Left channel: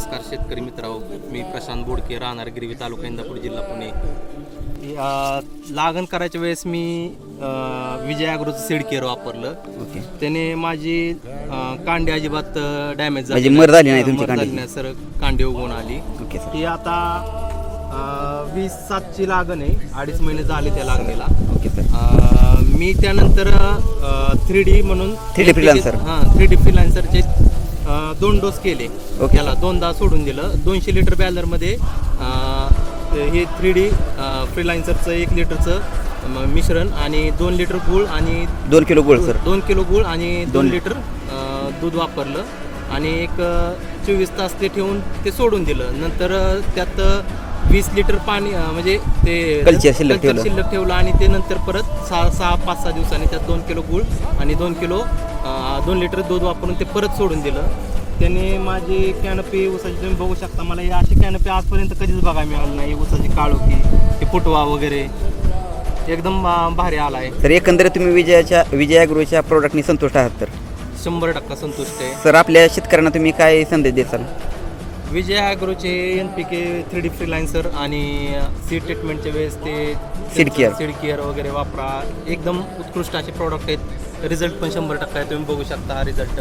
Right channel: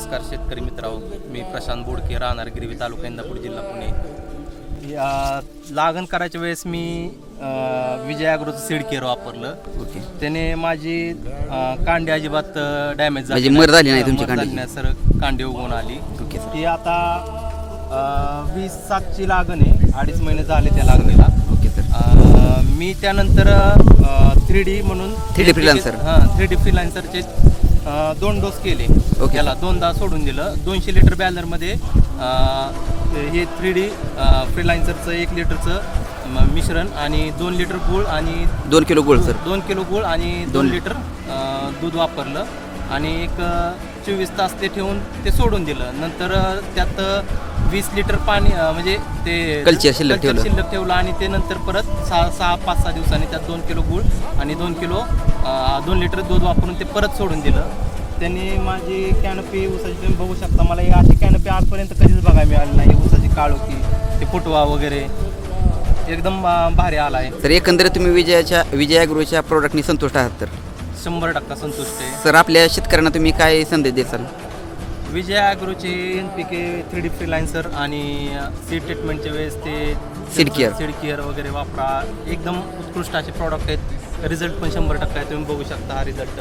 नमस्कार शेतकरी मित्रांनो. मी प्रशांत बोडके राहणार गिरवी तालुका इंदापूर जिल्हा पुणे. अ, लागण करायच्या वेळेस मी अ, विजय ॲग्रोचं सीड केअर वापरलं. ओके. त्याने माझी अ, कांडी अजिबात डॅमेज म्हणजे मर झाली नाही तुमची कांड्याची? सर. कांडी उगवून आली. Okay sir. ती आता अ, वीस सातची लागण आहे. अडीच महिने झाले त्या लागणीला. Okay sir. अ, मी त्यानंतर थ्री डी म्हणून 3D freelancer. हां थ्री डी फ्रीलान्सरचे दोन डोस केले. ओके. त्याला दोनदा सोडून दिलं. दोनशे लिटर बॅलरमध्ये हे थ्री डी फ्रीलान्सरचं एक लिटरचं म- मिश्रण आणि दोन लिटर गूळ आणि दोन किलो गोळ सर. दोन किलो गूळ आणि दोन दोन लिटर अ, दूध वापरलं. आणि एक चोवीस तास ते ठेवून ते सोडून दिलं. नंतर अ, त्यात वीस लिटर पाणी अ, म्हणजे ते कल्चर शिल्लक कल्चर ठेवलं. शिल्लक ठेवलं आणि ते नंतर परत सहा सहा पाच सहा दिवसांनी त्यात दोन किलो गूळ आणि दोन किलो अ, दोन लिटर दूध वापरून ते परत सोडून दिलं. त्यांनी माझी कॅनपी ऊसाची तुम्ही बघू शकता. मला ही अशी कॅनपी आजपर्यंत कधीच बघायला मिळाली नाही ऊसाची काळुकी ते फुटवा वगैरे. एकदम भारी आला आहे सर एकंदरीत तुम्ही विजयाच्या विजय ॲग्रोच्या प्रोडक्टनी संतुष्ट आहात तर? शंभर टक्का संतुष्ट आहे. सर आपल्या शेतकऱ्यांना तुम्ही काय संदेश देसाल Vijay ॲग्रोचे N P K three D freelancer आणि सीड ट्रीटमेंटच्या वेळेस ते Seed care. सीड केअर वगैरे वापरा. एकदम उत्कृष्ट असे प्रॉडक्ट आहेत. रिझल्ट पण शंभर टक्का आहे. तुम्ही बघू शकता हा रिझल्ट